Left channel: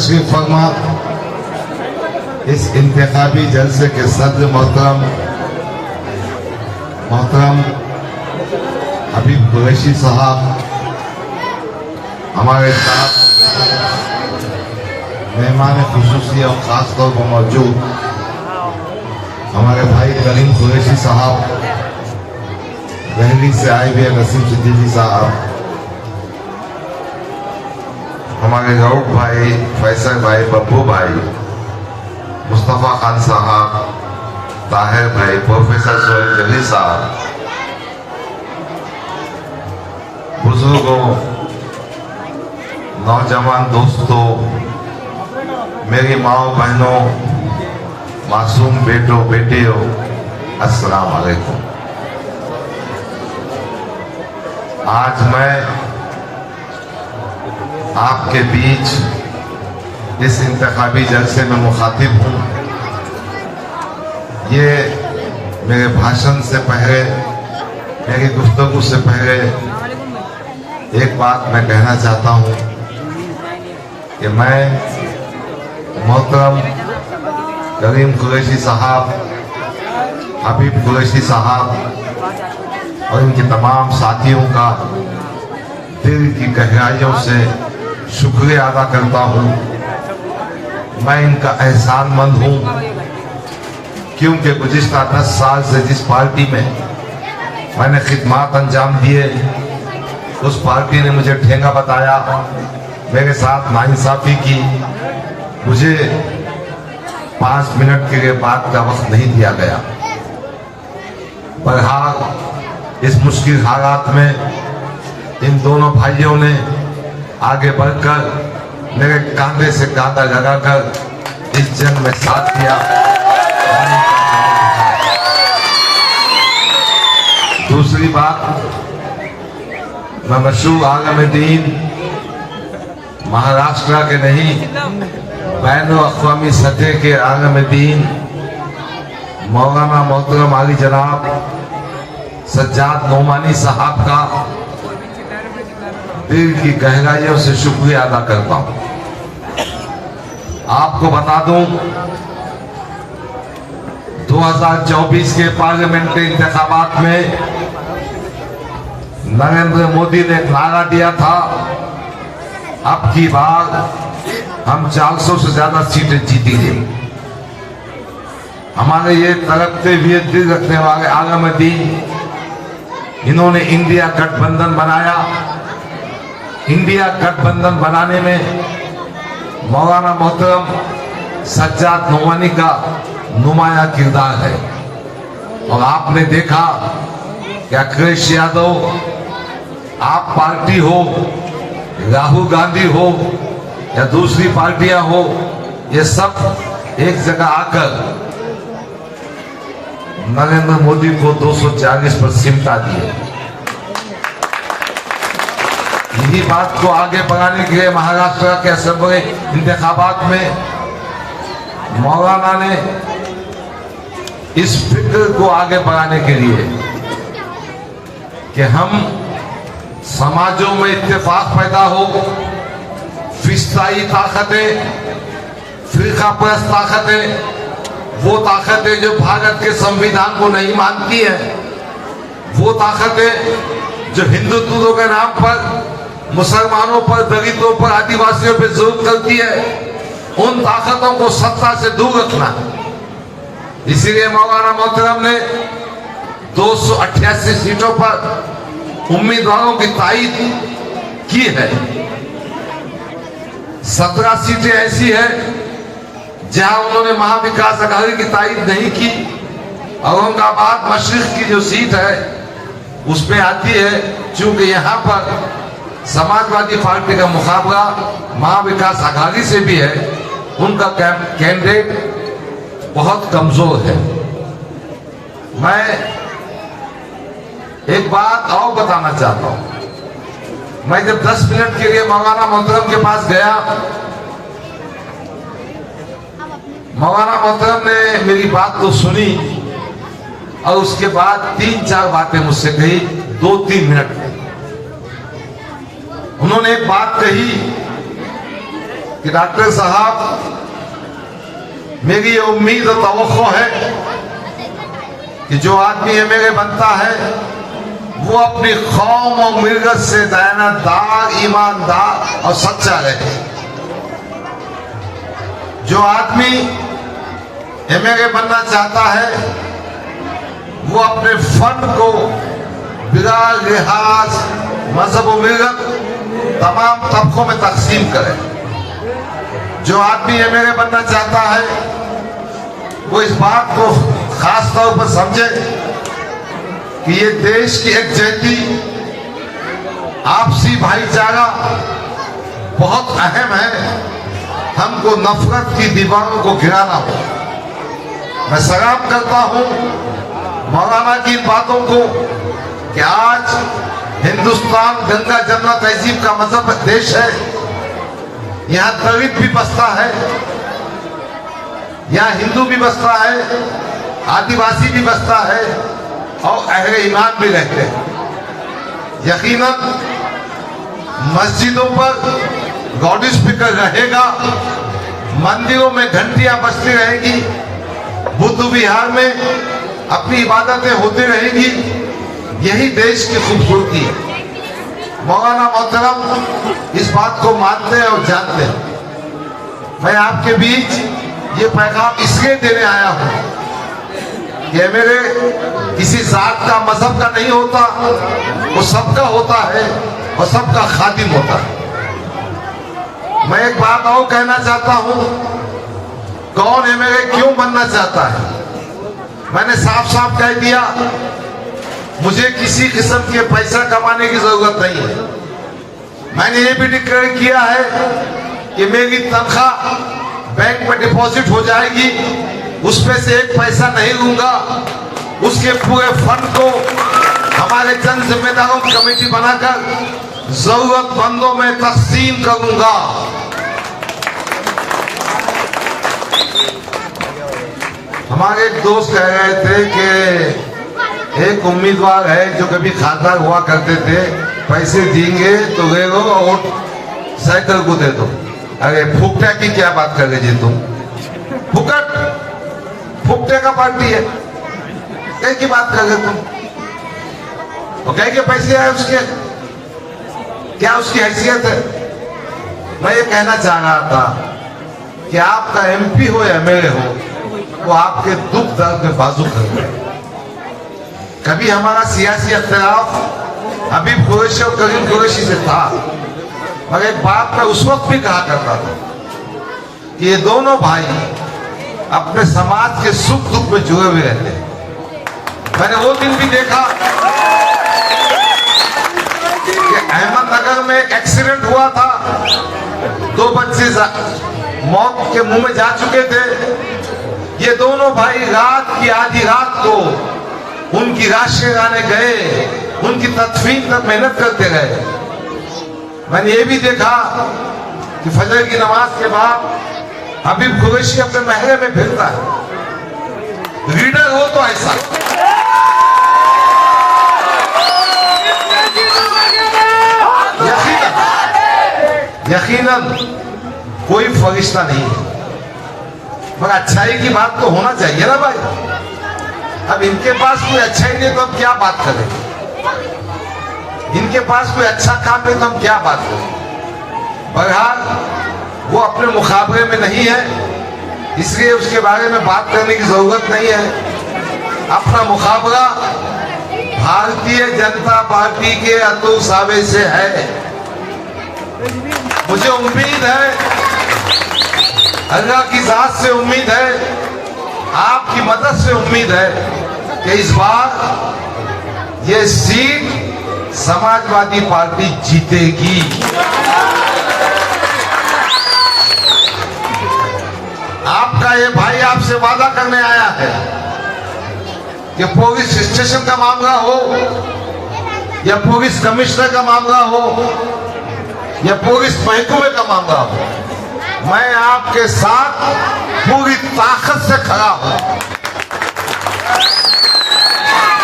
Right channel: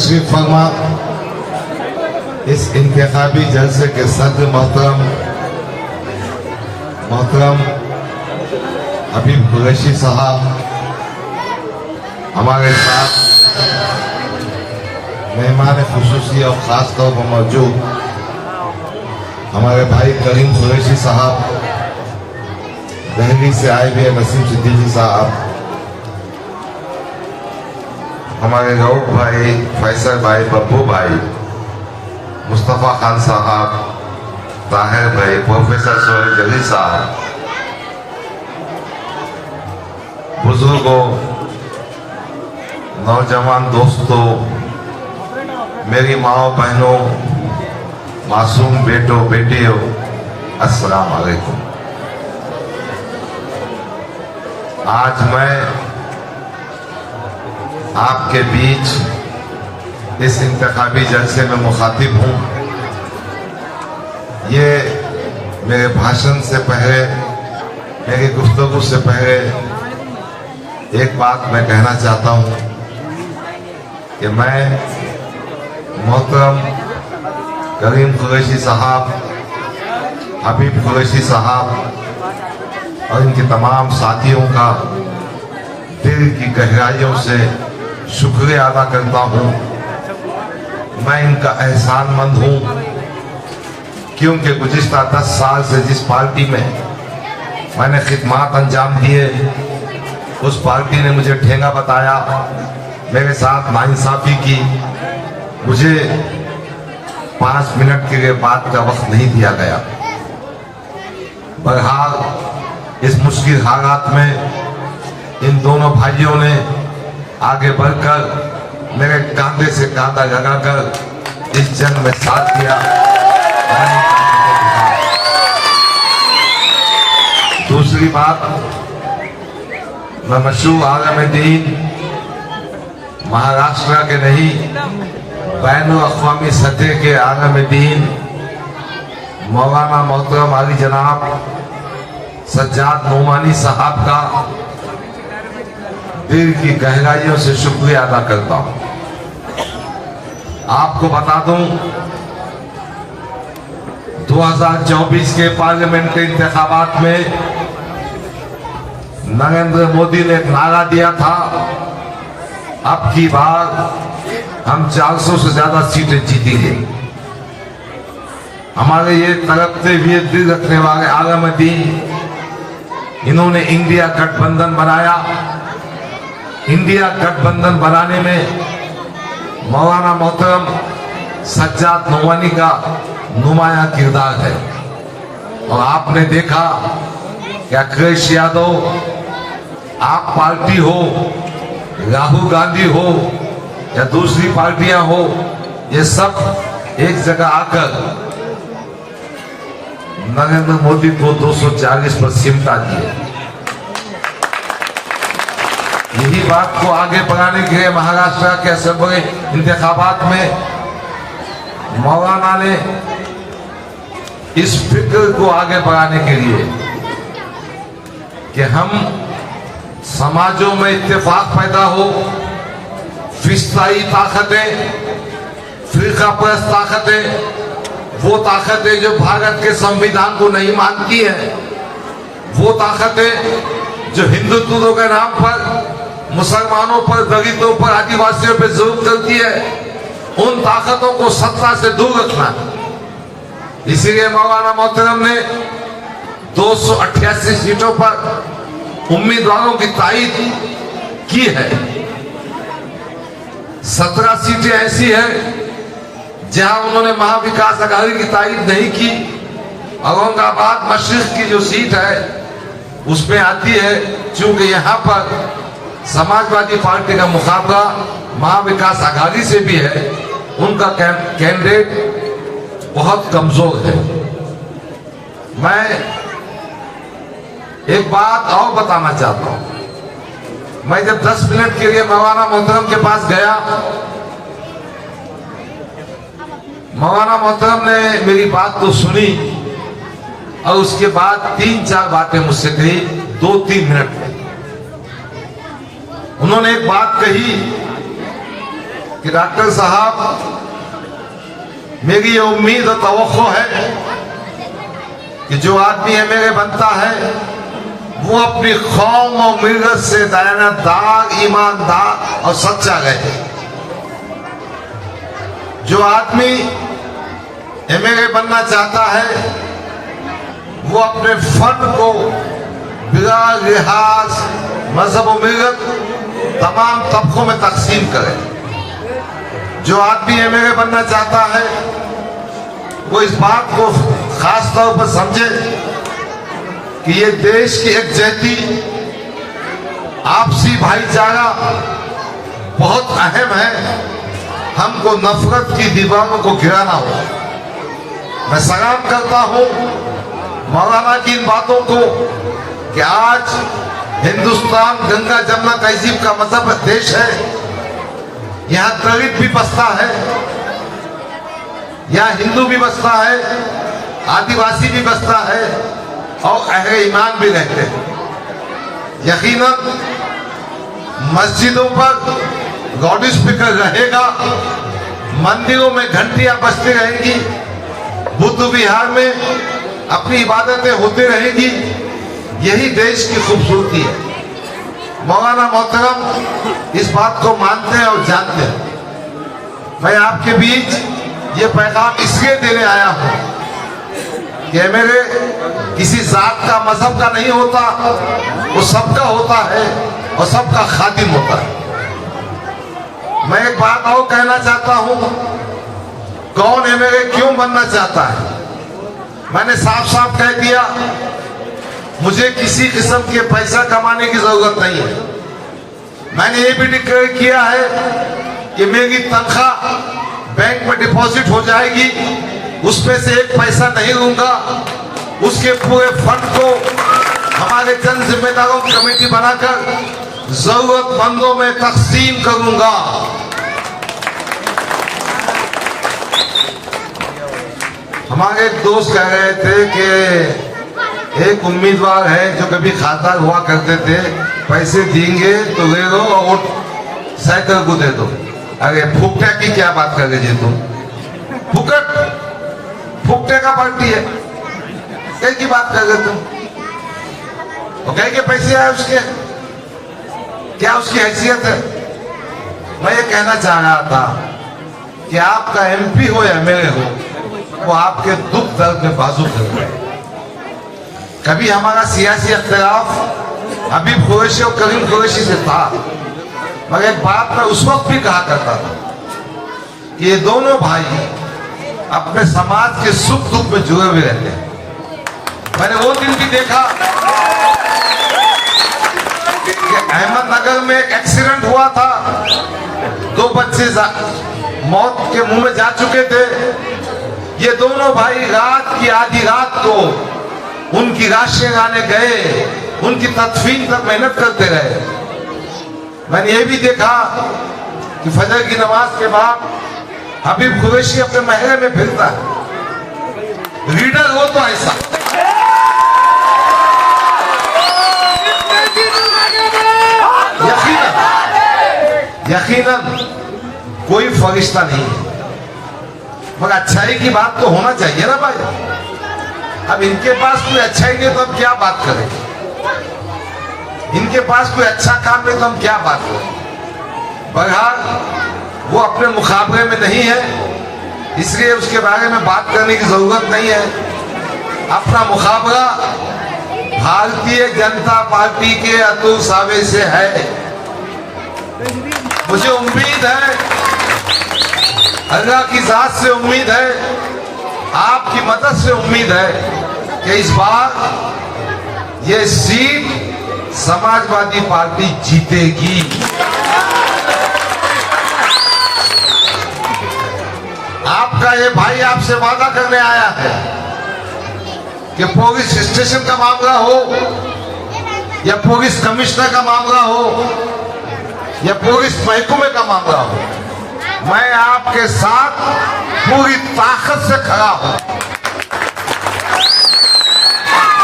तशरीफ फरमा। इस इंतखाबी जलसे के सदर मोहतरम हबीब कुरैशी साहब हमारे साथ मेहमान खुसूसी और खास तौर पर मौजूद हमारे भाई करीम कुरैशी साहब, दिल्ली से आए हुए नसीम सिद्दीकी साहब, हमारे रऊफ भाई, फैसल भाई, बब्बू भाई, मुस्तफा खान साहब, ताहिर भाई, प्रोफेसर सोहेल जली साहब, बुजुर्गों, नौजवान दोस्तों, मेरी माओ बहनों, मासूम बेटों बेटियों, अस्सलाम वालेकुम। आज मैं आपके बीच इस इंतखाबी जलसे में मुखातिब हूँ। ये मेरे भाषण से पहले, मेरी गुफ्तगू से पहले एक बात मैं कहना चाहता हूँ कि मैं मोहतरम करीम कुरैशी साहब, हबीब कुरैशी साहब और इनके तमाम साथियों का दिल की गहराइयों से शुक्रिया अदा करता हूँ। मैं इनका एहसानमंद हूँ क्योंकि गुज़िश्ता 10 साल से जिस पार्टी में मैंने खिदमात अंजाम दिए, उस पार्टी ने मुझे ठेंगा बताया, मेरे साथ नाइंसाफी की, मुझे 5 मिनट के लिए बात का वक्त नहीं दिया गया। बहरहाल इस मुश्किल हालात में इन दोनों भाइयों ने आगे बढ़कर मेरे कांधे से कांधा लगाकर इस जंग में साथ दिया। दूसरी बात, मैं मशहूर आलम दीन महाराष्ट्र के नहीं, बैन-उल-अक़वामी सतह के आलम दीन मौलाना मोहतरम आली जनाब सज्जाद नोमानी साहब का दिल की गहराइयों से शुक्रिया अदा करता हूं। आपको बता दूं, 2024 के पार्लियामेंट्री इंतखाबात में नरेंद्र मोदी ने एक नारा दिया था, अब की बार हम 400 से ज्यादा सीटें जीतेंगे। हमारे ये तड़पते हुए दिल रखने वाले आलम दीन, इन्होंने इंडिया गठबंधन बनाया। इंडिया गठबंधन बनाने में मौलाना मोहतरम सज्जाद नोमानी का नुमाया किरदार है। और आपने देखा कि अखिलेश यादव, आप पार्टी हो, राहुल गांधी हो या दूसरी पार्टियां हो, ये सब एक जगह आकर नरेंद्र मोदी को 240 पर सिमटा दिए। यही बात को आगे बढ़ाने के लिए महाराष्ट्र के असेंबली इंतखाबात में मौलाना ने इस फिक्र को आगे बढ़ाने के लिए कि हम समाजों में इत्तेफाक पैदा हो, फिस्ताई ताकतें, फिरका परस्त ताकतें, वो ताकतें जो भारत के संविधान को नहीं मानती है, वो ताकतें जो हिंदुत्व के नाम पर मुसलमानों पर, दलितों पर, आदिवासियों पर जुल्म करती है, उन ताकतों को सत्ता से दूर रखना। इसीलिए मौलाना मोहतरम ने 288 सीटों पर उम्मीदवारों की तायीद की है। 17 सीटें ऐसी है जहां उन्होंने महाविकास अघाड़ी की तायीद नहीं की। औरंगाबाद मशरिक की जो सीट है उसमें आती है, क्योंकि यहाँ पर समाजवादी पार्टी का मुकाबला महाविकास अघाड़ी से भी है, उनका कैंडिडेट बहुत कमजोर है। मैं एक बात और बताना चाहता हूं। मैं जब 10 मिनट के लिए मौलाना मोहतरम के पास गया, मौलाना मोहतरम ने मेरी बात तो सुनी और उसके बाद 3-4 बातें मुझसे कही 2-3 मिनट में। उन्होंने एक बात कही कि डॉक्टर साहब, मेरी ये उम्मीद और तवक्को है कि जो आदमी मेरे बनता है वो अपनी कौम और मिलत से दयानतदार, ईमानदार और सच्चा रहे। जो आदमी एमएलए बनना चाहता है वो अपने फंड को बिना लिहाज मजहब और मिलत तमाम तबकों में तकसीम करे। जो आदमी एमएलए बनना चाहता है वो इस बात को खास तौर पर समझे कि ये देश की एकजुटती, आपसी भाईचारा बहुत अहम है। हमको नफरत की दीवारों को गिराना हो। मैं सलाम करता हूं मौलाना की इन बातों को कि आज हिंदुस्तान गंगा जमुना तहजीब का मजहब देश है। यहाँ दलित भी बसता है, यहाँ हिंदू भी बसता है, आदिवासी भी बसता है और अहले ईमान भी रहते हैं। यकीनन मस्जिदों पर लाउड स्पीकर रहेगा, मंदिरों में घंटियां बजती रहेंगी, बुद्ध विहार में अपनी इबादतें होती रहेंगी। यही देश की खूबसूरती है। मौलाना मोहतरम इस बात को मानते हैं और जानते हैं। मैं आपके बीच ये पैगाम इसलिए देने आया हूं कि मेरे किसी जात का, मजहब का नहीं होता, वो सबका होता है और सबका खादिम होता है। मैं एक बात और कहना चाहता हूं, कौन एमएलए क्यों बनना चाहता है? मैंने साफ साफ कह दिया, मुझे किसी किस्म के पैसा कमाने की जरूरत नहीं है। मैंने ये भी डिक्लेयर किया है कि मेरी तनख्वाह बैंक में डिपॉजिट हो जाएगी, उसमें से एक पैसा नहीं लूंगा। उसके पूरे फंड को हमारे जन जिम्मेदारों की कमेटी बनाकर जरूरतमंदों में तकसीम करूंगा। हमारे एक दोस्त कह रहे थे कि एक उम्मीदवार है जो कभी खासदार हुआ करते थे, पैसे देंगे तो ले लो और वोट साइकिल को दे दो। अरे फुकटे की क्या बात कर रहे जी तुम? फुकट फुकटे का पार्टी है, कहीं की बात कर रहे तुम? और कहीं के पैसे आए उसके, क्या उसकी हैसियत है? मैं ये कहना चाह रहा था कि आपका एमपी हो या एमएलए हो, वो आपके दुख दर्द में बाजू कर गए। कभी हमारा सियासी इख्तिलाफ हबीब कुरैशी और करीम कुरैशी से था, मगर एक बात मैं उस वक्त भी कहा करता था कि ये दोनों भाई अपने समाज के सुख दुख में जुड़े हुए रहते हैं। मैंने वो दिन भी देखा कि अहमदनगर में एक एक्सीडेंट हुआ था, 2 बच्चे मौत के मुंह में जा चुके थे। ये दोनों भाई रात की आधी रात को उनकी राशियां गाने गए, उनकी तदफीन तक मेहनत करते रहे। मैंने ये भी देखा कि फजर की नमाज के बाद हबीब कुरैशी अपने महल में फिरता है। लीडर हो तो ऐसा, यकीनन कोई फरिश्ता नहीं है, मगर अच्छाई की बात तो होना चाहिए ना भाई। अब इनके पास कोई अच्छाई नहीं तो हम क्या बात करें? इनके पास कोई अच्छा काम नहीं तो हम क्या बात करें? बहरहाल वो अपने मुकाबले में नहीं है, इसलिए उसके बारे में बात करने की जरूरत नहीं है। अपना मुकाबला भारतीय जनता पार्टी के अतुल सावे से है। मुझे उम्मीद है, अल्लाह की जात से उम्मीद है, आपकी मदद से उम्मीद है कि इस बार ये सीट समाजवादी पार्टी जीतेगी। आपका ये भाई आपसे वादा करने आया है कि पुलिस स्टेशन का मामला हो या पुलिस कमिश्नर का मामला हो या पुलिस महकमे का मामला हो, मैं आपके साथ पूरी ताकत से खड़ा हूं।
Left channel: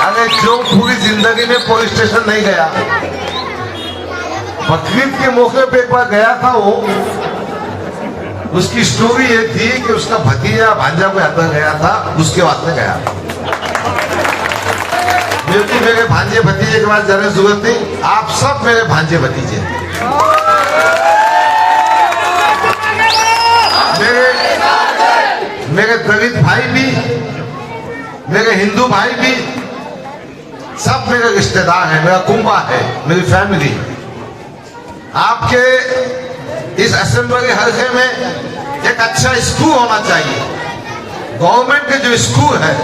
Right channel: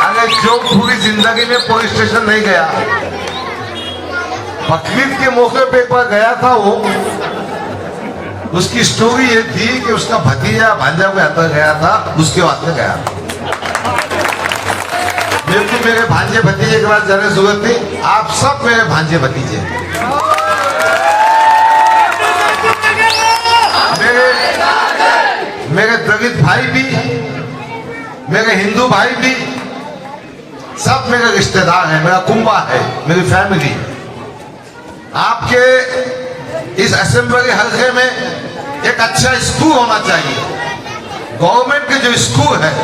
अगर जो पूरी जिंदगी में पुलिस स्टेशन नहीं गया, बकरीद के मौके पे एक बार गया था वो, उसकी स्टोरी ये थी कि उसका भतीजा भांजा को यात्रा गया था, उसके वास्ते गया था। बिल्कुल मेरे भांजे भतीजे के बाद जाने की जरूरत नहीं, आप सब मेरे भांजे भतीजे। मेरे दलित भाई भी, मेरे हिंदू भाई भी, सब मेरे रिश्तेदार हैं, मेरा कुंबा है, मेरी फैमिली। आपके इस असेंबली हल्के में एक अच्छा स्कूल होना चाहिए। गवर्नमेंट के जो स्कूल है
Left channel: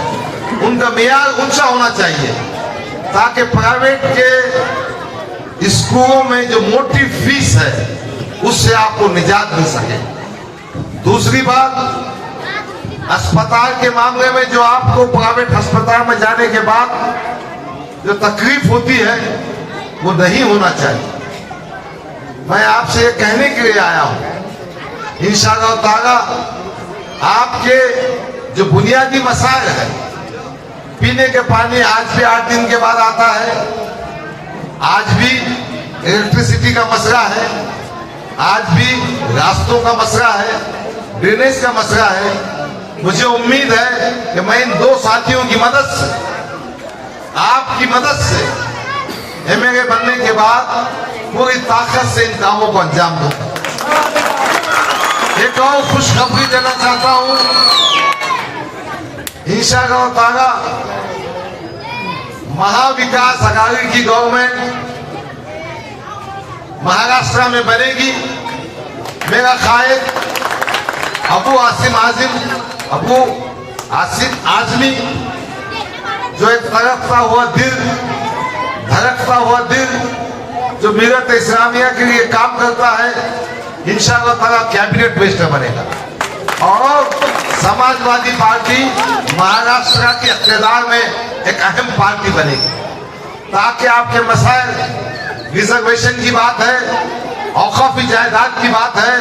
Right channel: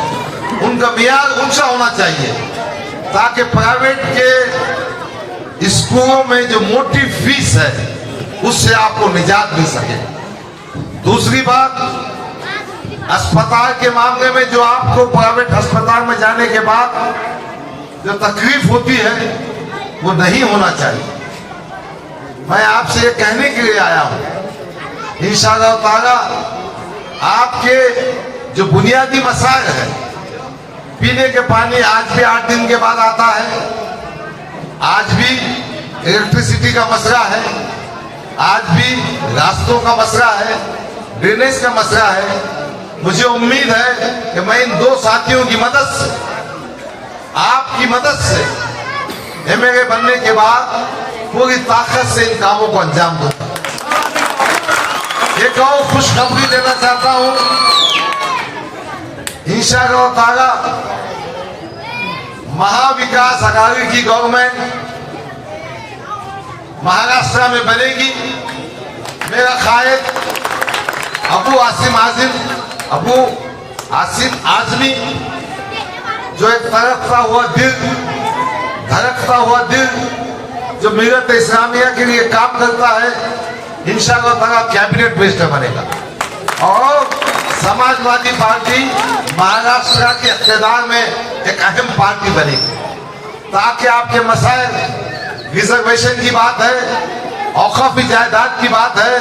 उनका मियार ऊंचा होना चाहिए, ताकि प्राइवेट के स्कूलों में जो मोटी फीस है उससे आपको निजात मिल सके। दूसरी बात, अस्पताल के मामले में जो आपको प्राइवेट अस्पताल में जाने के बाद जो तकलीफ होती है वो नहीं होना चाहिए। मैं आपसे ये कहने के लिए आया हूं, इंशाअल्लाह ताला आपके जो बुनियादी मसाइल है, पीने के पानी आज भी 8 दिन के बाद आता है, आज भी इलेक्ट्रिसिटी का मसला है, आज भी रास्तों का मसला है, ड्रेनेज का मसला है। मुझे उम्मीद है कि मैं इन 2 साथियों की मदद से, आपकी मदद से एमएलए बनने के बाद पूरी ताकत से इन कामों को अंजाम दूंगा। एक और खुशखबरी देना चाहता हूं, इंशाअल्लाह ताला महाविकास अघाड़ी की गवर्नमेंट महाराष्ट्र में बनेगी। मेरा कायद अबू आसिम आजमी, जो एक तड़पता हुआ दिल, धड़कता हुआ दिल, जो मिलत इस्लामिया के लिए काम करता है, इंशाअल्लाह ताला कैबिनेट मिनिस्टर बनेगा और समाजवादी पार्टी महाराष्ट्र के इक़्तिदार में एक अहम पार्टी बनेगी, ताकि आपके मसाइल, रिजर्वेशन की बात है, औकाफी जायदाद की बात है,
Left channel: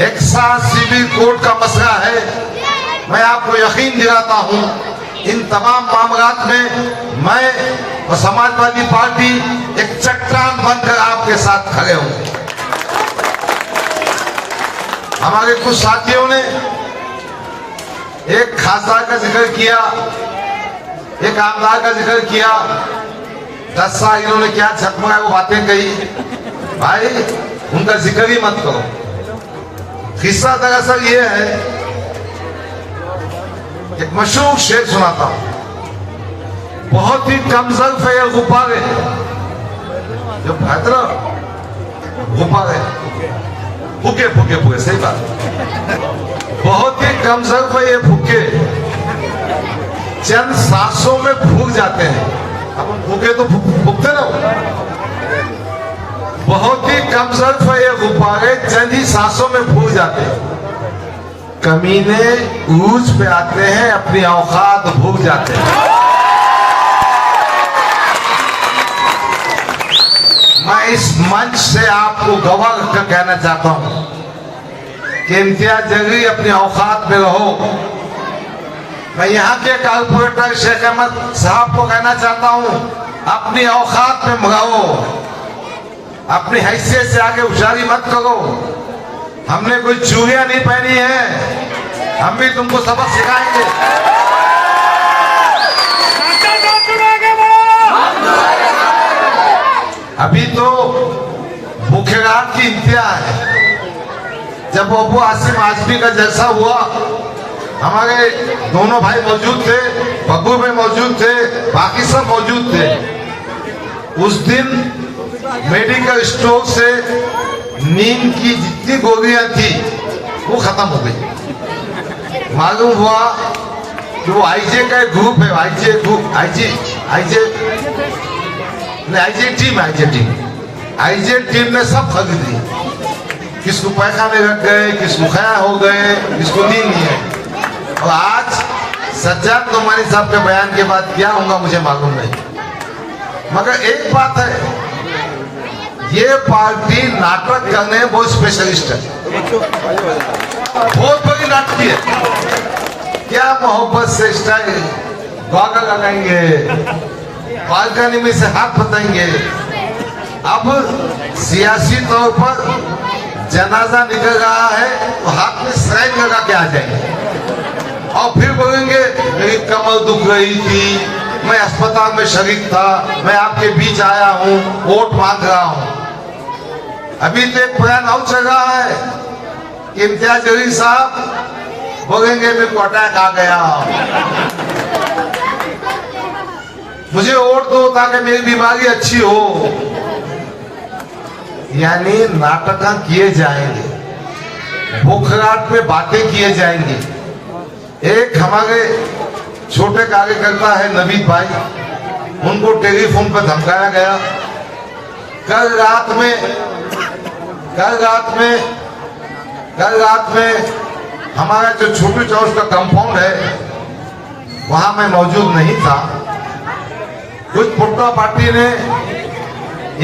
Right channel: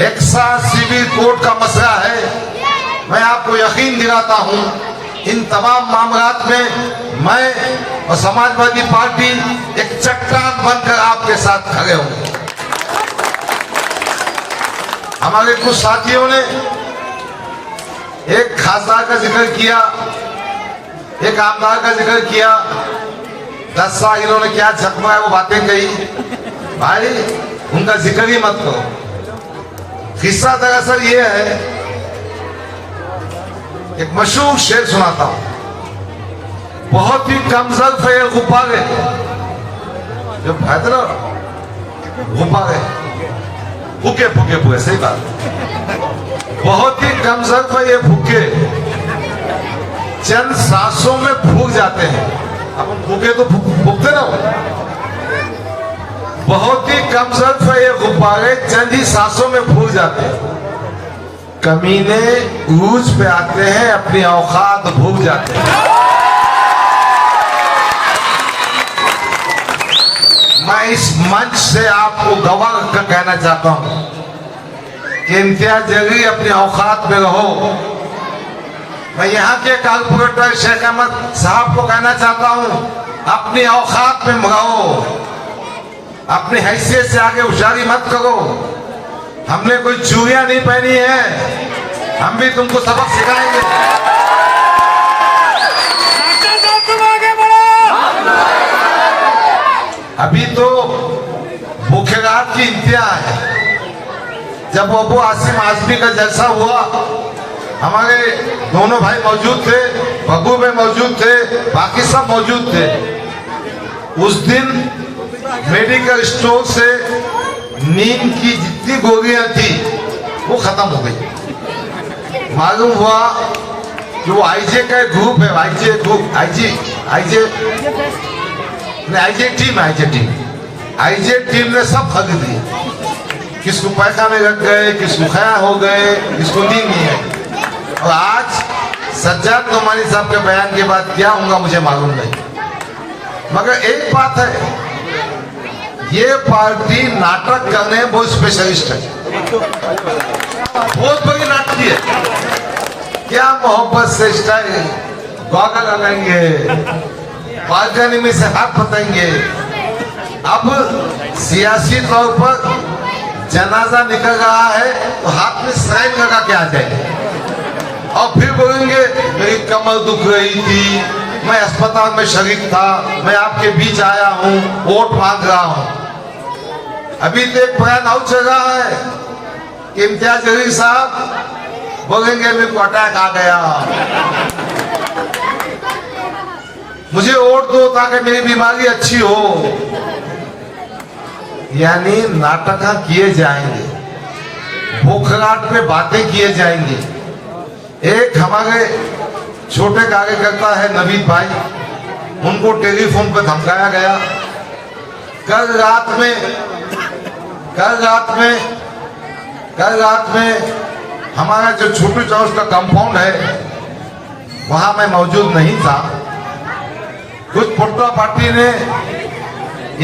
एक्सा सिविल कोड का मसला है, मैं आपको यकीन दिलाता हूं इन तमाम मामलात में मैं और समाजवादी पार्टी एक चट्टान बनकर आपके साथ खड़े होंगे। हमारे कुछ साथियों ने एक खासदार का जिक्र किया, एक आमदार का जिक्र किया, 10 साल इन्होंने क्या झकमगाया वो बातें कही। भाई उनका जिक्र ही मत करो। किस्सा दरअसल ये है, एक मशहूर शेर सुनाता हूं। बहुत ही कम ज़र्फ़ है ये गुब्बारे, जो भद्र गुब्बारे, फूके फूके फूके, सही बात, बहुत ही कम ज़र्फ़ है ये फूके, चंद सांसों में फूक जाते हैं। अपन फूके तो फूकते ना, बहुत ही कम ज़र्फ़ है ये गुब्बारे, चंद ही सांसों में फूक जाते हैं। कमीने ऊंच पे आते हैं, अपनी औकात भूल जाते हैं। मैं इस मंच से आपको गवाह कर कहना चाहता हूं कि इम्तियाज जलील अपनी औकात में रहो। मैं यहाँ के कारपोरेटर शेख अहमद साहब को कहना चाहता हूं, अपनी औकात में रहो, अपनी हैसियत से आगे उछारी मत करो। हमने कोई चूड़ियां नहीं पहनी है, हम भी तुमको सबक सिखाएंगे। अभी तो मुख्यगार की इंतहा है। जब अबू आसिम आजमी का जलसा हुआ, हमारे दोनों भाई मौजूद थे, बब्बू भाई मौजूद थे, बाकी सब मौजूद थे। उस दिन मेडिकल स्टोर से नींद की जितनी गोलियां थी वो खत्म हो गई। मालूम हुआ कि वो आईजे का एक ग्रुप है, आईजे टीम ने सब खरीद ली। किसको पैखाने लग गए, किसको खया हो गए, किसको नींद नहीं आई। और आज सज्जाद नोमानी साहब के बयान के बाद क्या होगा मुझे मालूम नहीं, मगर एक बात है, ये पार्टी नाटक करने में बहुत स्पेशलिस्ट है, बहुत बड़ी नाटकी है। क्या मोहब्बत से स्टाइल बागा लगाएंगे, बालकनी में से हाथ बताएंगे। अब सियासी तौर पर जनाजा निकल रहा है तो हाथ में सराइन लगा के आ जाएंगे और फिर बोलेंगे मेरी कमर दुख रही थी, मैं अस्पताल में शरीक था, मैं आपके बीच आया हूं, वोट मांग रहा हूं। अभी तो एक बयान और चल रहा है कि इम्तियाज जलील साहब बोलेंगे मेरे को अटैक आ गया, मुझे वोट दो ताकि मेरी बीमारी अच्छी हो। यानी नाटक किए जाएंगे, बोखलाट पे बातें किए जाएंगे। एक हमारे छोटे कार्यकर्ता है नवीद भाई, उनको टेलीफोन पर धमकाया गया। कल रात में हमारा जो छोटू चौक का कंपाउंड है वहां मैं मौजूद नहीं था। कुछ पुट्टा पार्टी ने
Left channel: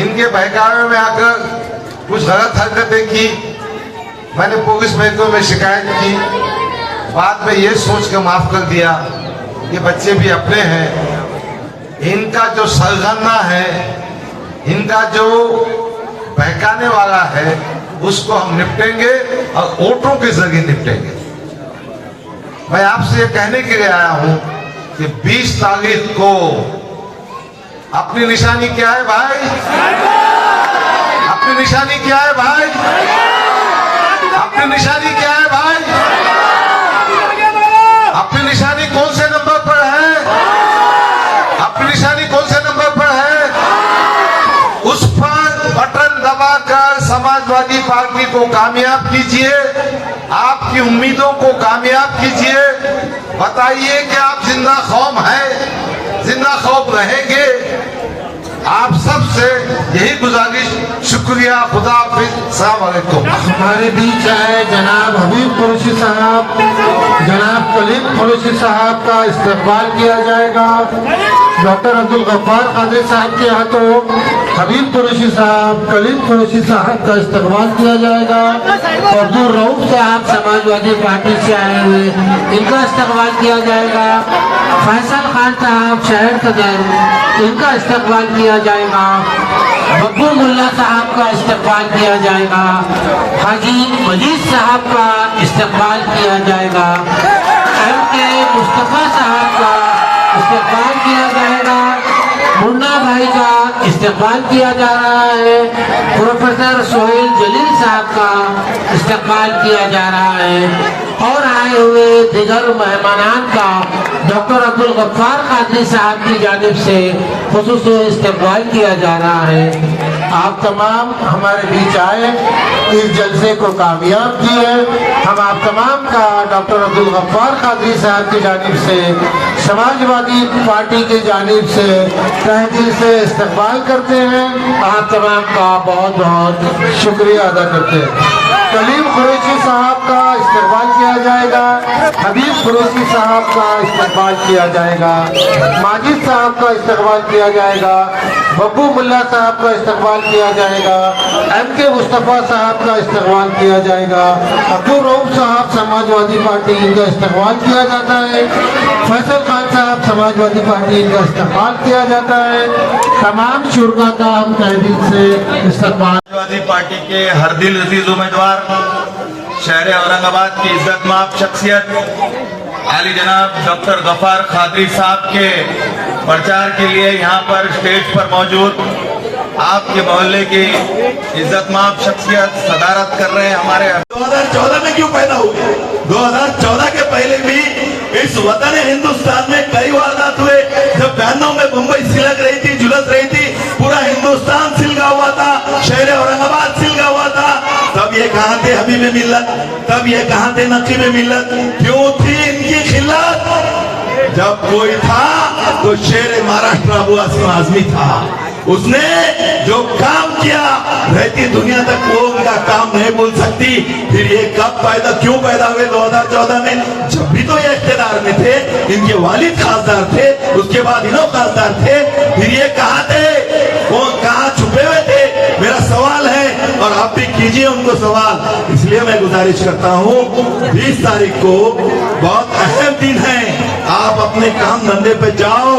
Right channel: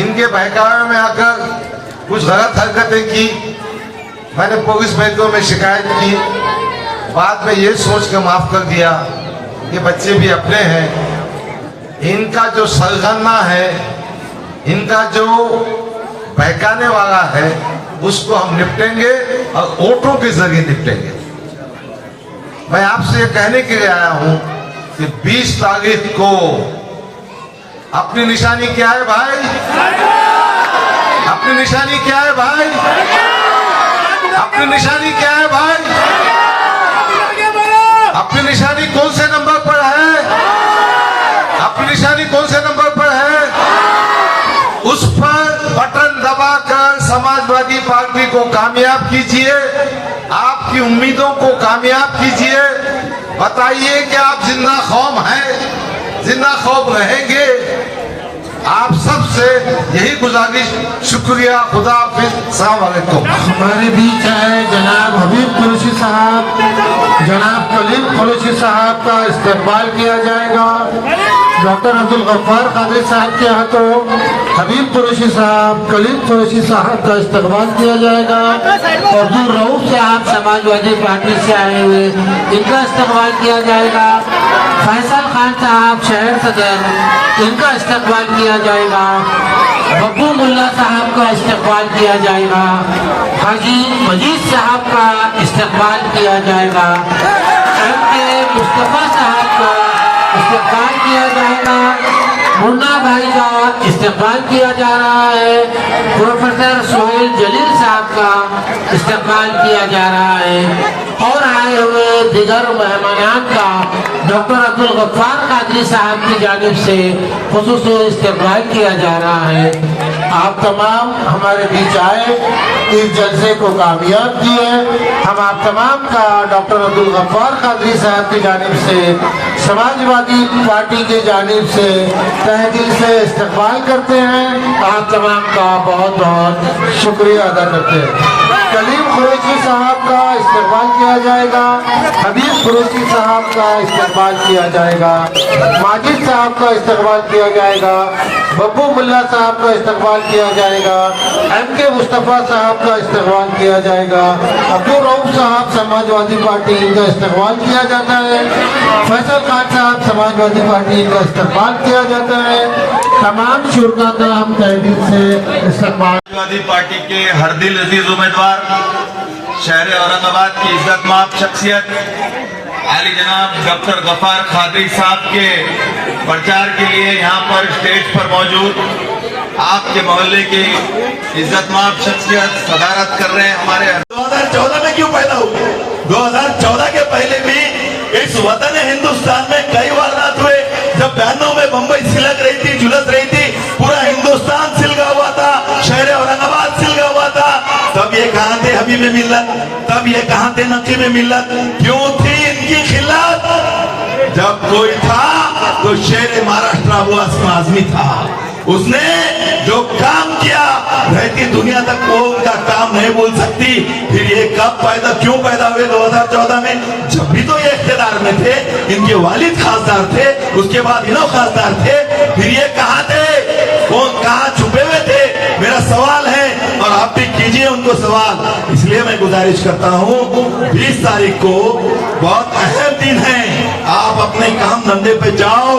इनके बहकावे में आकर कुछ गलत हरकतें की। मैंने पुलिस महकमे में शिकायत की, बाद में ये सोच कर माफ कर दिया कि बच्चे भी अपने हैं। इनका जो सरगना है, इनका जो बहकाने वाला है, उसको हम निपटेंगे और वोटों के जरिए निपटेंगे। मैं आपसे ये कहने के लिए आया हूं कि 20 तारीख को अपनी निशानी क्या है भाई? अपनी निशानी क्या है भाई? अपनी निशानी क्या है भाई? अपनी निशानी कौन से नंबर पर है? अपनी निशानी कौन से नंबर पर है? उस पर बटन दबाकर समाजवादी पार्टी को कामयाब कीजिए, आपकी उम्मीदों को कामयाब कीजिए। बताइए कि आप जिंदा कौम हैं, जिंदा कौम रहेंगे। आप सबसे यही गुजारिश, शुक्रिया, खुदा हाफिज, अस्सलाम वालेकुम। हमारे बीच है जनाब हबीब कुरैशी साहब, जनाब कलीम कुरैशी साहब का इस्तकबाल किया जाएगा। डॉक्टर अब्दुल गफ्फार कादरी साहब के हाथों हबीब कुरैशी साहब, कलीम कुरैशी साहब का इस्तकबाल किया जाएगा। अब्दुल रऊफ साहब समाजवादी पार्टी से आए हुए, इनका इस्तकबाल किया जाएगा। फैसल खान साहब शहर सदर, इनका इस्तकबाल किया जाएगा। बब्बू मुल्ला साहब का इस्तकबाल किया जाएगा। हाजी मजीद साहब का इस्तकबाल किया जाएगा। MK मुस्तफा साहब का इस्तकबाल किया जाएगा। मुन्ना भाई का इस्तकबाल किया जा रहा है। प्रोफेसर सोहेल जलील साहब का इस्तकबाल किया जा रहा है। और आए हुए दिगर मेहमानान का डॉक्टर अब्दुल गफ्फार कादरी साहब की जानिब से खुसूसी इस्तकबाल किया जा रहा है। आप तमाम हमारे बीच आए, इस जलसे को कामयाब किए। हम आप तमाम का डॉक्टर अब्दुल गफ्फार कादरी साहब की जानिब से, समाजवादी पार्टी की जानिब से तहे दिल से इस्तकबाल करते हैं। आप तमाम का बहुत बहुत शुक्रिया अदा करते हैं। कलीम कुरैशी साहब का इस्तकबाल किया जाएगा। हबीब कुरैशी साहब का इस्तकबाल किया जाएगा। माजिद साहब का इस्तकबाल किया जाएगा। बब्बू मुल्ला साहब का इस्तकबाल किया जाएगा। MK मुस्तफा साहब का इस्तकबाल किया जाएगा। अब्दुल रऊफ साहब समाजवादी पार्टी, इनका इस्तकबाल किया जाता है। फैसल खान साहब समाजवादी पार्टी, इनका इस्तकबाल किया जाता है। तमाम शुरा का हम तहे दिल से इस्तकबाल। समाजवादी पार्टी के हर दिल अजीज उम्मीदवार, शहर औरंगाबाद की इज्जतमाब शख्सियत आली जनाब डॉक्टर गफ्फार कादरी साहब के प्रचार के लिए यहाँ पर स्टेज पर मौजूद आपके मोहल्ले की इज्जतमाब शख्सियत सदारत कर रहे हैं। हमारे 2014 में क्यों पैदा हुए? 2014 के पहले भी इस वतन हिंदुस्तान में कई वारदात हुए। जब 92 में बम्बई सिलक रही थी, झुलस रही थी, पूरा हिंदुस्तान सिलगा हुआ था, शहर औरंगाबाद सिलगा हुआ था। तब ये कहाँ थे हबीब मिल्लत? तब ये कहाँ थे नकीब मिल्लत? क्यों थी इनकी खिलाफ? जब कोई था तो शेर महाराष्ट्र अबू आसिम आजमी था। उसने जो काम किया रहती दुनिया तक वो उनका काम नहीं भूल सकती। फिर ये कब क्यों पैदा हुए 2014 में? जब भी तो ये इख्तियार में थे, इनके वालिद खासदार थे, उसके बाद इन्हों खासदार थे। फिर ये कहाँ थे? वो कहाँ छुपे हुए थे? मेरा सवाल है और आप भी कीजिए उनको सवाल। इसलिए मैं गुजारिश करता हूँ 20 तारीख को बहुत अहम दिन है। आप अपने काम धंधे पे जाओ,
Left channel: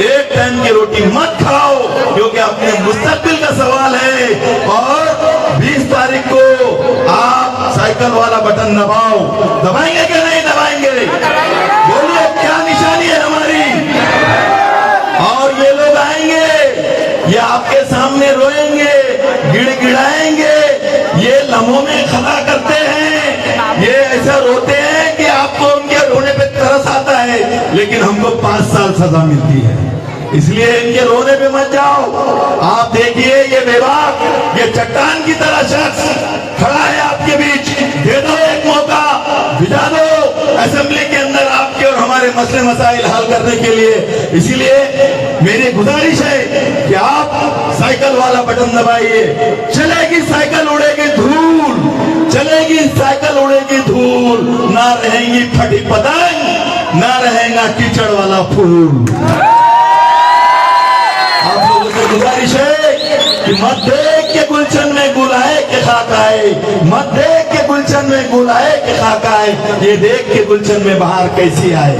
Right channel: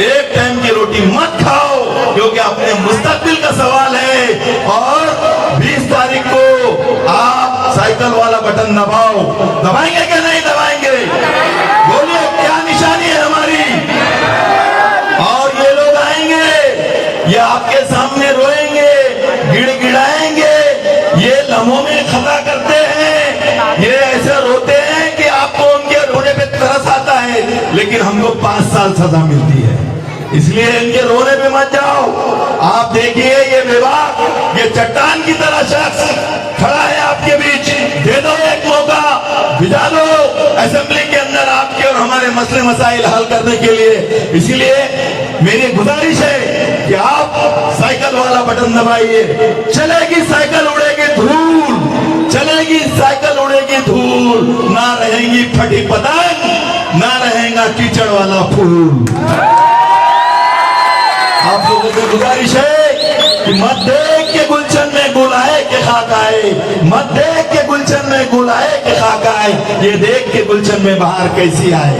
एक टाइम की रोटी मत खाओ, क्योंकि अपने मुस्तकबिल का सवाल है। और 20 तारीख को साइकिल वाला बटन दबाओ। दबाएंगे क्या नहीं दबाएंगे? बोलिए क्या निशानी है हमारी? और ये लोग आएंगे, ये आपके सामने रोएंगे, गिड़गिड़ाएंगे, ये लम्हों में खता करते हैं, ये ऐसा रोते हैं कि आपको उनके रोने पे तरस आता है, लेकिन हमको 5 साल सजा मिलती है। इसलिए इनके रोने पे मत जाओ। आप देखिए ये बेबाक, ये चट्टान की तरह शख्स खड़ा है आपके बीच, दे दो एक मौका, भिजा दो असेंबली के अंदर आपके और हमारे मसले मसाइल हल करने के लिए। इसीलिए मेरी गुजारिश है कि आप साइकिल वाला बटन दबाइए। चलेगी साइकिल, उड़ेगी धूल, चलेगी साइकिल, उड़ेगी धूल, ना रहेंगी फटी पतंग, ना रहेगा कीचड़ वाला फूल। आप लोगों से गुजारिश है कि मत देख के गुलशन में गुल आए के खाक आए, मत देख के गुलशन में गुल आए के खाक आए, ये देख के गुलशन में बाहर कैसी आए।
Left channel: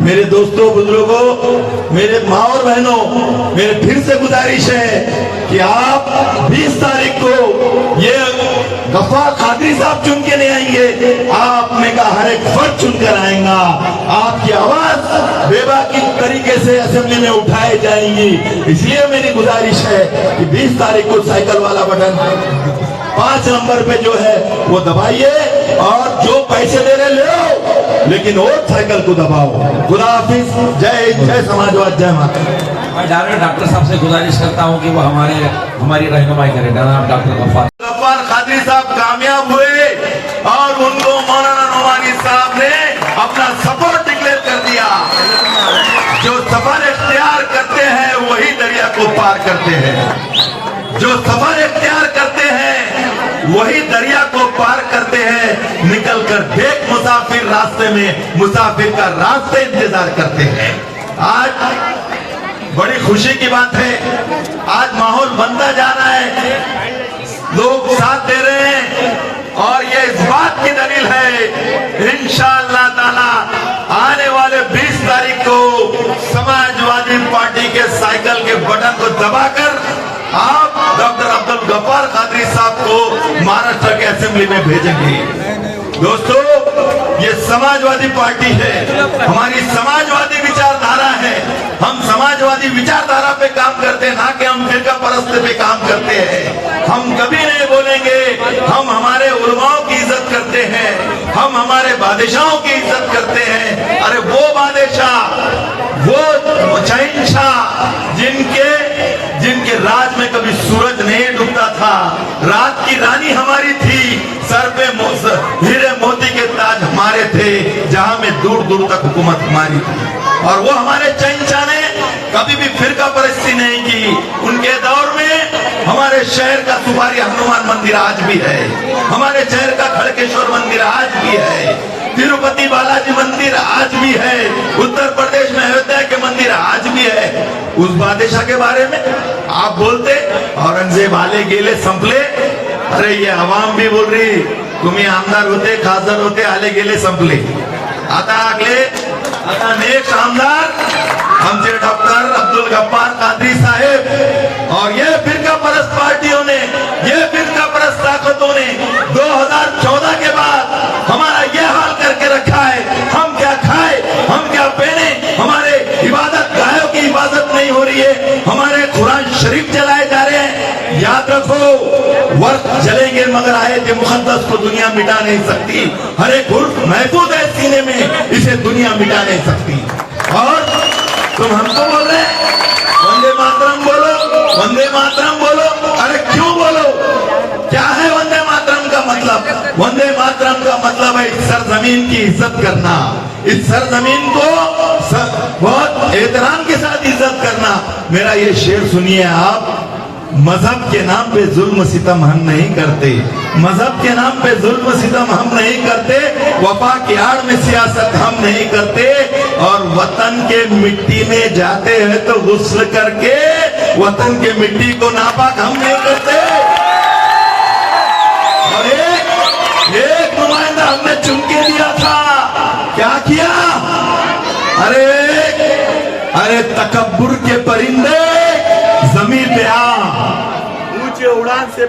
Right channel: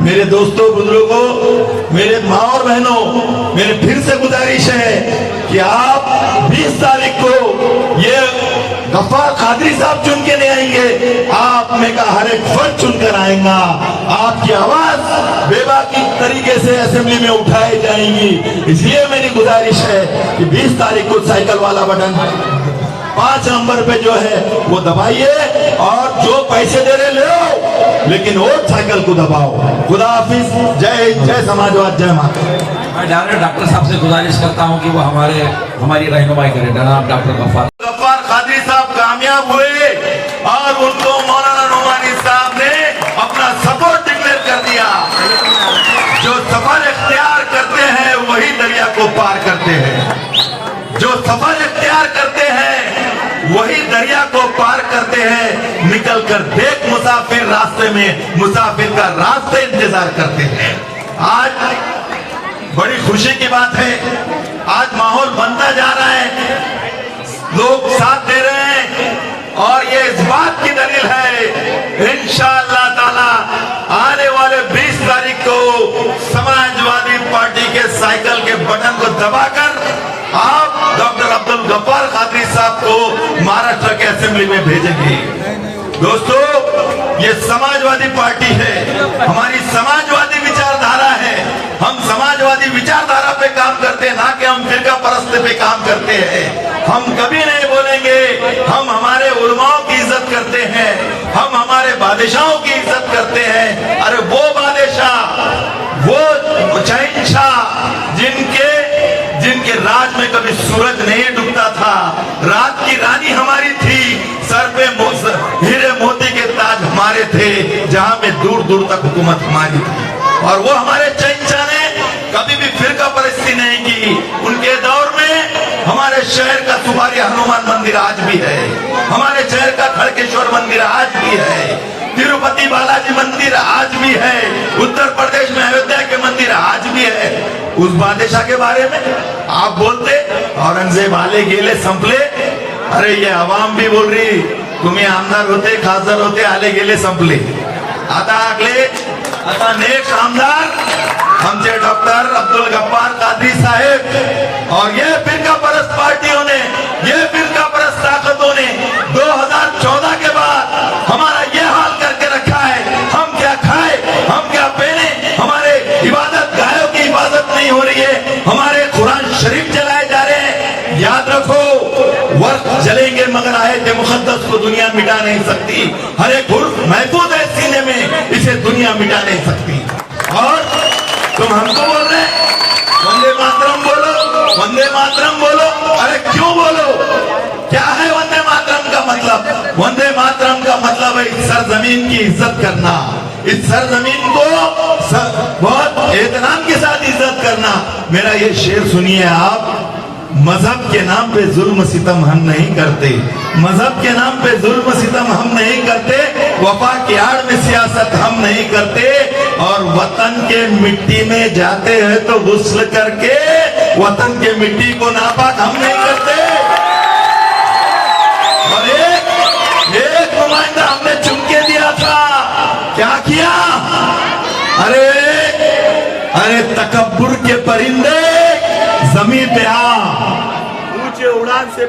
मेरे दोस्तों, बुजुर्गों, मेरे माँ और बहनों, मेरे फिर से गुजारिश है कि आप 20 तारीख को ये गफ्फार कादरी साहब चुन के नहीं आएंगे, आप में का हर एक फर्द चुनकर आएगा। आपकी आवाज बेबाकी तरीके से असेंबली में उठाई जाएंगी। इसलिए मेरी गुजारिश है कि 20 तारीख को साइकिल वाला बटन 5 नंबर पे जो है वो दबाइए, और जो पैसे दे रहे ले लो, लेकिन वोट साइकिल को दबाओ। खुदा हाफिज, जय जय समाजवाद, जय माता। मैं डॉक्टर साहब से गुजारिश करता हूं कि वो हमारी रहनुमाई करें। जनाब डॉक्टर गफ्फार कादरी साहब कामयाब हुए और उनको मौलाना नुमानी साहब ने अपना सपोर्ट डिक्लेयर कर दिया। जो सफर इख्तियार करते हैं वही दरिया को पार करते हैं, जो सफर इख्तियार करते हैं वही दरिया को पार करते हैं। निकल कर देख मुसाफिर रास्ते में, मुसाफिर का रास्ते इंतजार करते हैं। आज बड़ी खुशी की बात है, आज माहौल बनता जा रहा है, लोग साथ दे रहे हैं, और ये इस बात की दलील है इंशाअल्लाह ताला आने वाले 20 तारीख को समाजवादी पार्टी के साइकिल के बटन को दबाकर आप डॉक्टर अब्दुल गफ्फार कादरी साहब को महाराष्ट्र के असेंबली में भेजेंगे। दोस्तों, ये समाजवादी पार्टी है, हमारी समाजवादी विचारधारा है। हम समाजवादी विचारधारा पे काम करते हैं, ना कि हम फिरका परस्ती पे काम करते हैं। हम कभी नहीं बोलेंगे, हम हमारे उलमाओं की इज्जत करते हैं, हम हमारे बादशाहों की इज्जत करते हैं। अरे वो बादशाह, वो शहंशाह जिनके राज में कभी सूरज नहीं डूबता था, रात की रानी हमारी थी, सर पे हीरे मोती के ताज हमारे थे, जहां में दूर दूर तक हुकूमत हमारी थी, और वो हमारे शहंशाह ने कभी भी फिरका परस्ती नहीं की। उनके दौर में हमारे शहर का सुपारी हनुमान मंदिर आज भी है, हमारे शहर का खड़केश्वर मंदिर आज भी है, तिरुपति बालाजी मंदिर आज भी है, उत्तर प्रदेश में अयोध्या के मंदिर आज भी है। उस बादशाह के बारे में आप बोलते औरंगजेब आले गेले संपले, अरे ये आवाम भी बोल रही तुम्ही आमदार होते, खासदार होते, आले गेले संपले। आता नेक्स्ट आमदार हमसे डॉक्टर अब्दुल गफ्फार कादरी साहेब, और ये फिरका परस्त पार्टियों ने, ये फिरका परस्त ताकतों ने 2014 के बाद हमारा ये हाल करके रखा है। हम क्या खाए, हम क्या पहने, हमारे इबादत गायों की इबादत नहीं हो रही है, हमारे कुरान शरीफ जलाए जा रहे हैं। याद रखो, वर्क जलेंगे मगर आयत मुकद्दस को दुनिया मिटा नहीं सकती। हर एक हुर्फ महफूज है सीने में, इसे दुनिया मिटा नहीं सकती। और तुम हमको बोल रहे हैं वंदे मातरम बोलो, वंदे मातरम बोलो। अरे क्यों बोलो? क्या है वंदे मातरम का मतलब? वंदे मातरम का मतलब है इस सरजमीन की इज्जत करना, इस सरजमीन को बहुत एहतराम के साथ इज्जत करना। मेरा ये शेर सुनिए आप, मजहब के नाम पे जुल्म सितम हम नहीं करते, मजहब के नाम पे जुल्म सितम हम नहीं करते, वफा की आड़ में सियासत हम नहीं करते, और वतन के मिट्टी में जाते हैं तो गुस्ल करके वतन के मिट्टी को नापाक हम नहीं करते। और एक नुमाइंदा हमने चुन के दिया था, क्या किया? अरे तकब्बुर के परिंदे जमीन पे आ, ऊंचे उड़ान से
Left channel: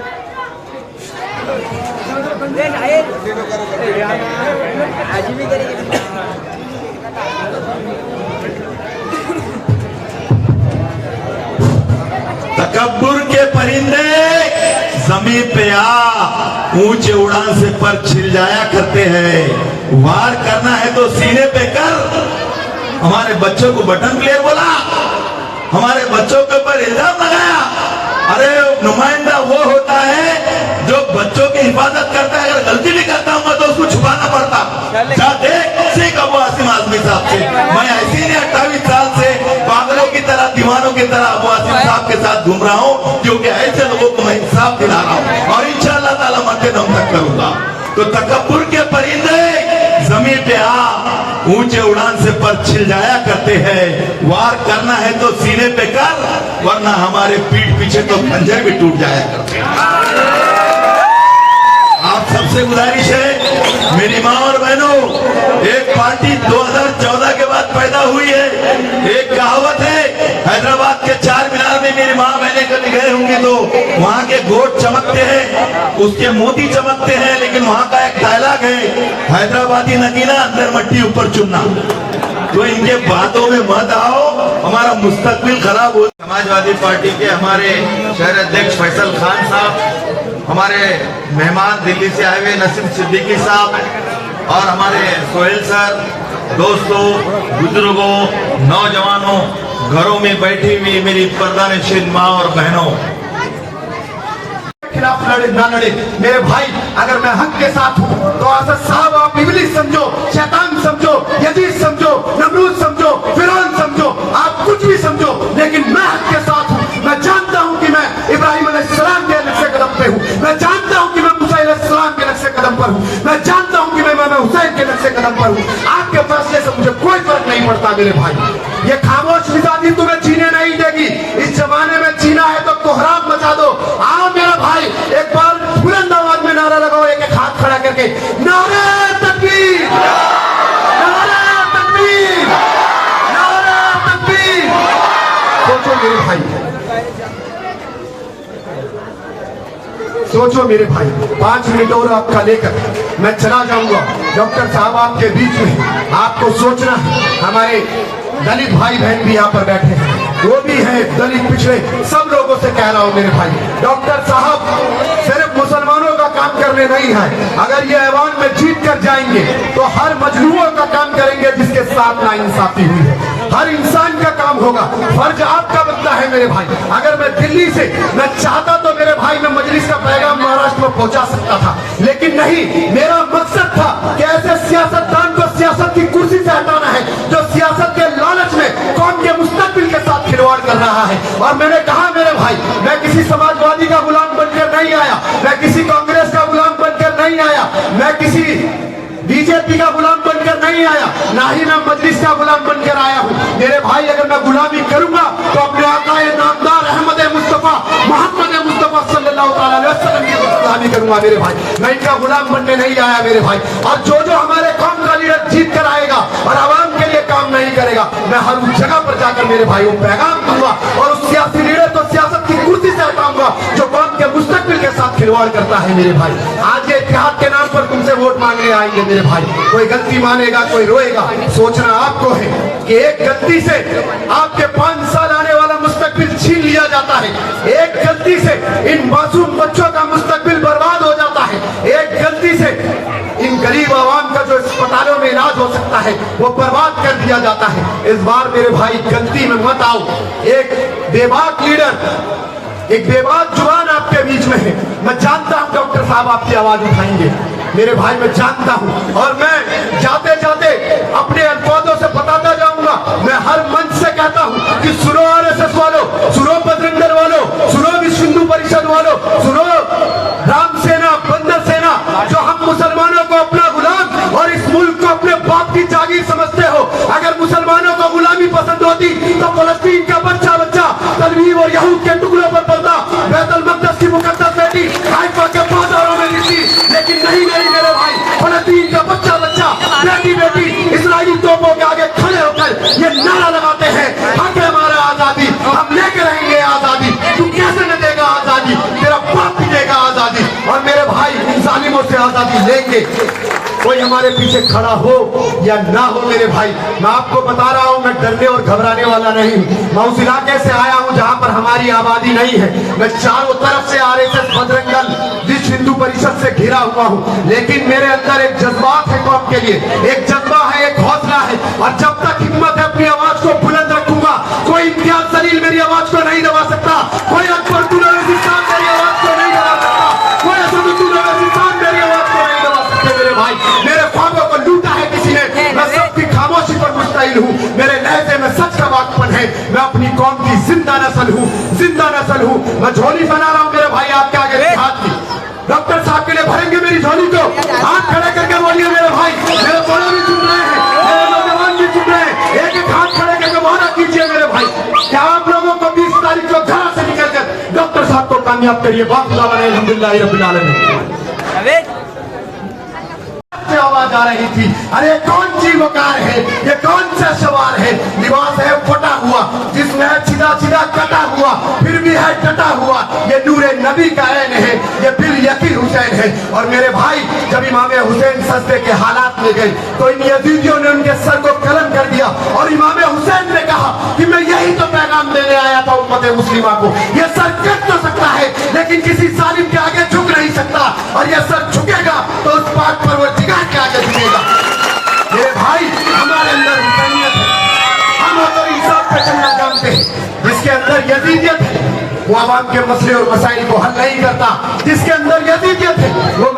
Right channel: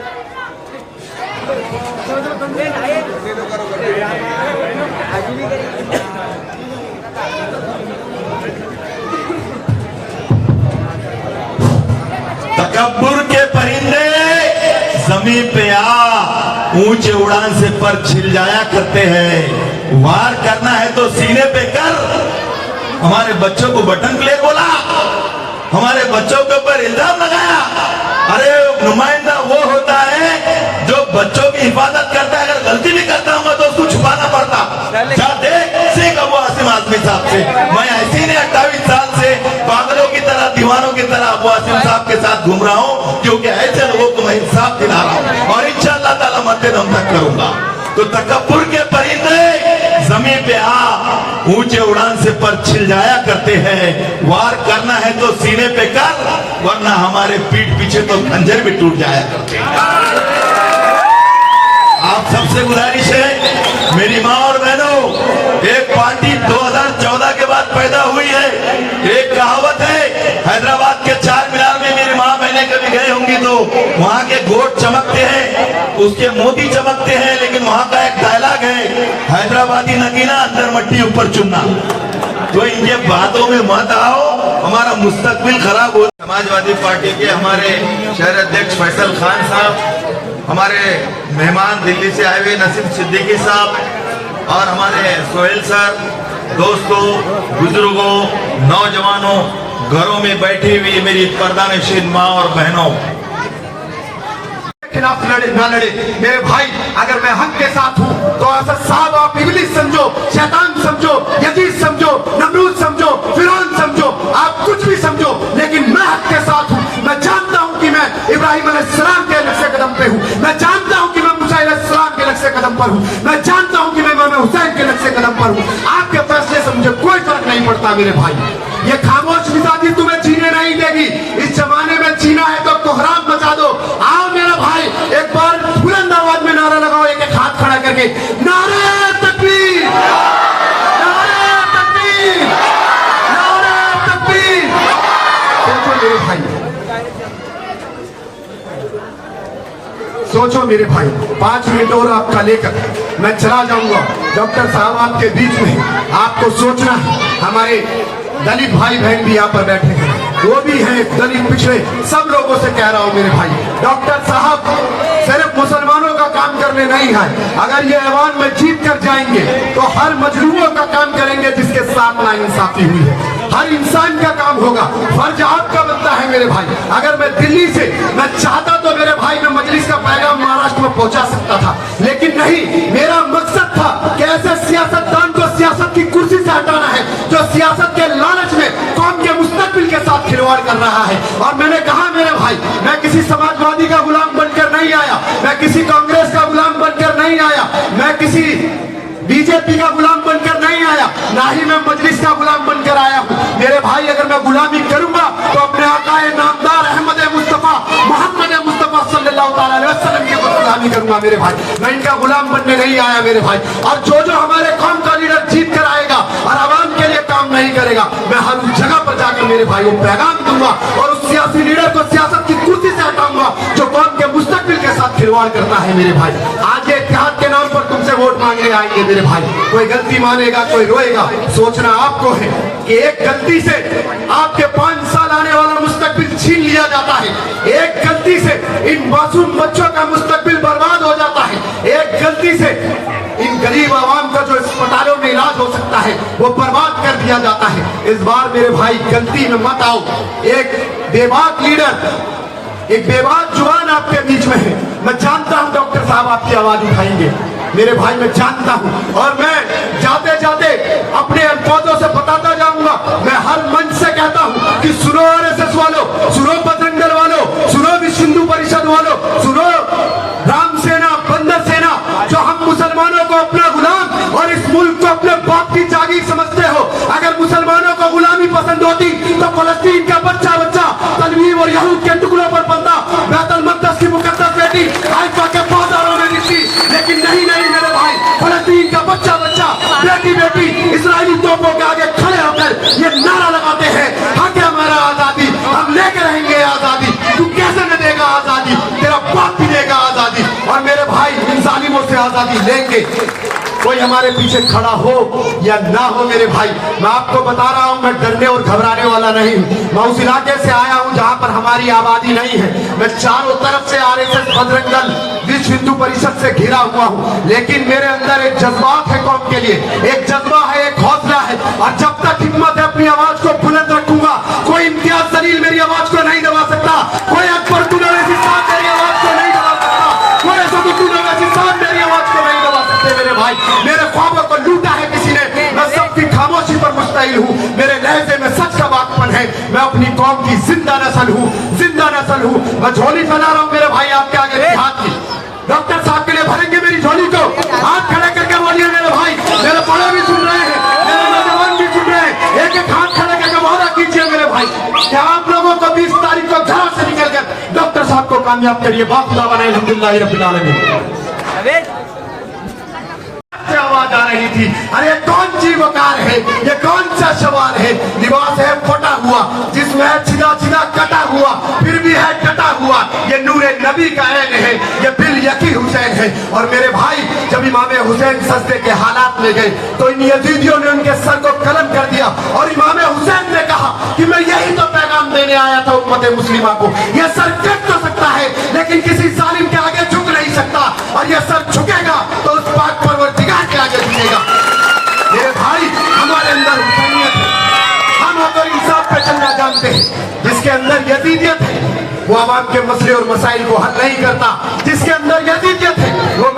तकब्बुर के परिंदे जमीन पे आ ऊंचे उड़ान से पर छिल जाया करते हैं। वार करना है तो सीने पे कर। हमारे बच्चों को बटन प्लेयर बोला, हमारे बच्चों के ऊपर इल्जाम लगाया। अरे नुमाइंदा वो होता है जो बच्चों की हिफाजत करता है। अगर गलती भी करता हूँ तो उसको छुपाना पड़ता। जा देख सीख अबू आसिम आजमी साहब से। मैं ऐसे ने 28 साल से पागलों की तरह, दीवानों की तरह अबू आसिम साहब के साथ घूम रहा हूँ, क्योंकि ऐसे लोगों को मैं इंसाफ दिला रहा हूँ और इंशाअल्लाह ताला मरते दम तक करूंगा। तो तकब्बुर के परिंदे जमीन पे आ ऊंचे उड़ान से पर छिल जाया करते हैं। वार करना है तो सीने पे कर, वरना हमारे पीठ पीछे तो खंजर भी टूट जाया करते हैं। आप सबसे गुजारिश है मेरी माँ और बहनों, एक पार्टी 2014 के बाद पैदा हुई है। एक कहावत है, हैदराबाद के चार मीनार में मेरी माँ बहनें कभी गए होंगी तो वहाँ के गोट चमकते हैं, उसके मोती चमकते हैं, लेकिन वहाँ का एक डायलॉग है, हैदराबादी नगीना अंदर मट्टी ऊपर चुनना। तो इनके बातों में मत आओ, हमारा मुस्तकबिल खराब हो। समाजवादी पार्टी के हमारे शहर अध्यक्ष फैसल खान साहब, हमारे मेहमान दिल्ली से आए हुए नसीम सिद्दीकी साहब और हमारे सोहेल सर, दोस्तों, बुजुर्गों, नौजवानों, घरों में बैठी हुई मेरी पर्दानशीन माँ और बहनों, खिलाफ लड़े ना लड़े मेरे भाई, अगर मैं हक के साथ हूँ तो असद साहब आप इब्लीस समझो, शैतान समझो, यजीद समझो, नमरूद समझो, फिरौन समझो, आप कुछ भी समझो, लेकिन मैं हक के साथ हूँ। मैं जानता हूँ कि मैं इब्राहिम अलैहिस्सलाम के नक्शे कदम पे हूँ। मैं जानता हूँ कि मैं मूसा अलैहिस्सलाम के नक्शे कदम पर हूँ। मैं जानता हूँ कि मैं इमाम हुसैन के नक्शे कदम पर हूँ। आपके फैसले से मुझे कोई फर्क नहीं पड़ता मेरे भाई। ये खामोश मिजाजी तुम्हें जीने नहीं देगी। इस जमाने में जीना है तो कोहराम मचा दो। आओ मेरा भाई, एक बार बुलंद आवाज में नारा लगाओ, एक एक हाथ खड़ा करके, नारे तकबीर, नारे तकबीर, नारे तकबीर। सोचो मेरे भाई, सोचो मेरे भाई, 5 मिनट और आपका लेकर मैं चला जाऊंगा। डॉक्टर साहब आपके बीच में, आपको सोचना है। हमारे दलित भाई बहन भी यहाँ पर बैठे हैं, वो भी हैं दलित पिछड़े, सब लोगों से कह रहा हूँ मेरे भाई, डॉक्टर साहब सिर्फ मुसलमानों का काम करने नहीं है। अगर ये ऐवान में जीत कर जाएंगे तो हर मजलूमों का काम करेंगे जिसके साथ नाइंसाफी हुई है। हर इंसान का काम होगा। फर्ज आपका बनता है मेरे भाई। अगर मैं दिल्ली से मैं चाहता तो मेरे भाई मैं मजलिस का पैगाम महाराष्ट्र में पहुंचा सकता था, लेकिन नहीं। मेरा मकसद था कि ऐसे सियासतदान को सियासत की कुर्सी से हटाना है जो सियासत के लालच में कौम के मुस्तकबिल के साथ खिलवाड़ कर रहा है। और मैंने कहा मेरे भाई, मैं किसी समाजवादी का गुलाम बनकर नहीं आया, मैं किसी कांग्रेस का गुलाम बनकर नहीं आया, मैं किसी बीजेपी का गुलाम बनकर नहीं आया, ना ही मैं मजलिस का गुलाम बनकर आया हूँ। मेरे भाई, अगर मैं गुलामी करूंगा तो अपने आका नामदार अहमद मुस्तफा मोहम्मद मुस्तफा सल्लल्लाहु अलैहि वसल्लम की गुलामी करूंगा मेरे भाई। मैं इनका गुलाम बनने नहीं आया मेरे भाई। और जो हमारे कौम का लीडर जीत कर आएगा और आवाम के लिए काम नहीं करेगा, मैं हर उस जगह पर जाकर मेरे भाई को पैगाम दूंगा और उस सियासी लीडर को सियासत की कुर्सी से हटाऊंगा जो कौम के मुस्तकबिल के साथ खिलवाड़ करता है मेरे भाई। आज ये इत्तेहाद के नाम पर तुमसे वोट मांगने आएंगे मेरे भाई। कोई गलती मानेगा, कोई रोएगा। सोचना आपको है कि एक गलती से आपके 5 साल आने वाला मुस्तकबिल छीन लिया जाता है। एक गलती से इन मासूम बच्चों का मुस्तकबिल बर्बाद हो जाता है। एक गलती से इन गरीब आवाम का जो अस्पतालों में इलाज हो सकता है वो बर्बाद कर दिया जाता है। इस बार मेरे भाई गलती में मत आओ। एक बेबाक लीडर, एक बेबाक जुबान आपके बीच में है। मैं जानता हूं डॉक्टर साहब आपकी आवाज उठाएंगे मेरे भाई, मैं जानता हूं। और मैं जाते जाते अपने अल्फाजों से बताता जाऊंगा। मैं हर मंच से कहता हूं कि सुनो आरएसएस वालों, सुनो बजरंग दल वालों, सुनो विश्व हिंदू परिषद वालों, सुनो राम सेना, बंदर सेना, जो हम मुसलमानों को अपना गुलाम और इस मुल्क को अपने बाप की जागीर समझते हो। अगर मुसलमानों को गुलामी पसंद होती तो फलस्तीन का बच्चा बच्चा तलवीर और यहूद के टुकड़ों पर पलता, बैतुल मक़दस की मुकद्दस बेटी हाइफा के बाजारों में दिखती। लेकिन नहीं नहीं मेरे भाई, फलस्तीन का बच्चा बच्चा बेटी बेटी इस्राएली तोपों के आगे खड़े होकर ये नारा लगाते हैं, हक है हमारा आजादी, हम लेके रहेंगे आजादी। तू कैसे न देगा आजादी, तेरा बाप भी देगा आजादी। और मेरे भाई आजादी लेंगे। कोई हमारे पीछे खड़ा हो या ना हो मेरे भाई, मैं आपको बता रहा हूं, मैं डरने और घबराने वाला नहीं। मैं उस इलाके से आया हूं जहां पर हमारी आबादी नहीं है। मैं चारों तरफ से RSS बजरंग दल विश्व हिंदू परिषद से घिरा हुआ हूं, लेकिन मेरे अंदर एक जज्बात है कौम के लिए, एक जज्बा है, एक हौसला है। और जब तक हिम्मत है अपनी आवाज को बुलंद रखूंगा। कोई इम्तियाज जलील मेरी आवाज को नहीं दबा सकता, कोई अकबरुद्दीन ओवैसी साहब मेरी आवाज को नहीं दबा सकता, कोई असदुद्दीन ओवैसी साहब मेरी आवाज को नहीं दबा सकते। मेरे भाई, मेरे ख्वाबों को लूटा है किसी ने, मैं सबकी खामोशी पर मुश्तइल हूँ। मेरे लहजे में सच का वाकपन है, मैं अपनी कौम की जिंदा नस्ल हूँ, जिंदा नस्ल हूँ। मैं झोली फैला रहा हूँ मेरे भाई आपके आगे हाथ की। डॉक्टर साहब के लिए भरेंगे मेरी झोली को, हाथ खड़े करके बोलिए मेरे भाई। मेरे बड़े भी सुन रहे हैं, मेरे नौजवान भी सुन रहे हैं, एक एक हाथ खड़े करके वादा कीजिए मेरे भाई कि आप लोगों को 20 तारीख को घर से निकलकर डॉक्टर साहब को कामयाब करिए। बाखुदा बने अल्हम्दुलिल्लाह रब्बिल आलमीन। आवाज आ रही थी, अरे कौन सी वकार है, ये कौन सा सवाल है। लिबास है फटा हुआ, जिसमें है सीधा सीधा कटा हुआ, फिर भी है कटा हुआ। ये नूरे नबी का ऐन है, ये बिल यकीन हुसैन है। और मेरे भाई, जब इमाम हुसैन सजदे के हालात में गए तो इन यजीदियों ने उनके सर को कलम कर दिया और इमाम हुसैन ने कहा कि मैं यही तो पैगाम देने आया था उम्मत मुस्लिमा को। ये सर कट तो सकता है लेकिन किसी जालिम के आगे झुक नहीं सकता, और ये सर झुकेगा तो उस बात पर वो दिगार के आगे झुकेगा। मेरे भाई, हमारे अंदर हुसैनियत है, हम तो इंसाफ पे चलना जानते हैं। जिसके अंदर यजीदियत है वो आवाम के मसले और मसाइल को हल नहीं करता, जिसके अंदर यजीदियत है वो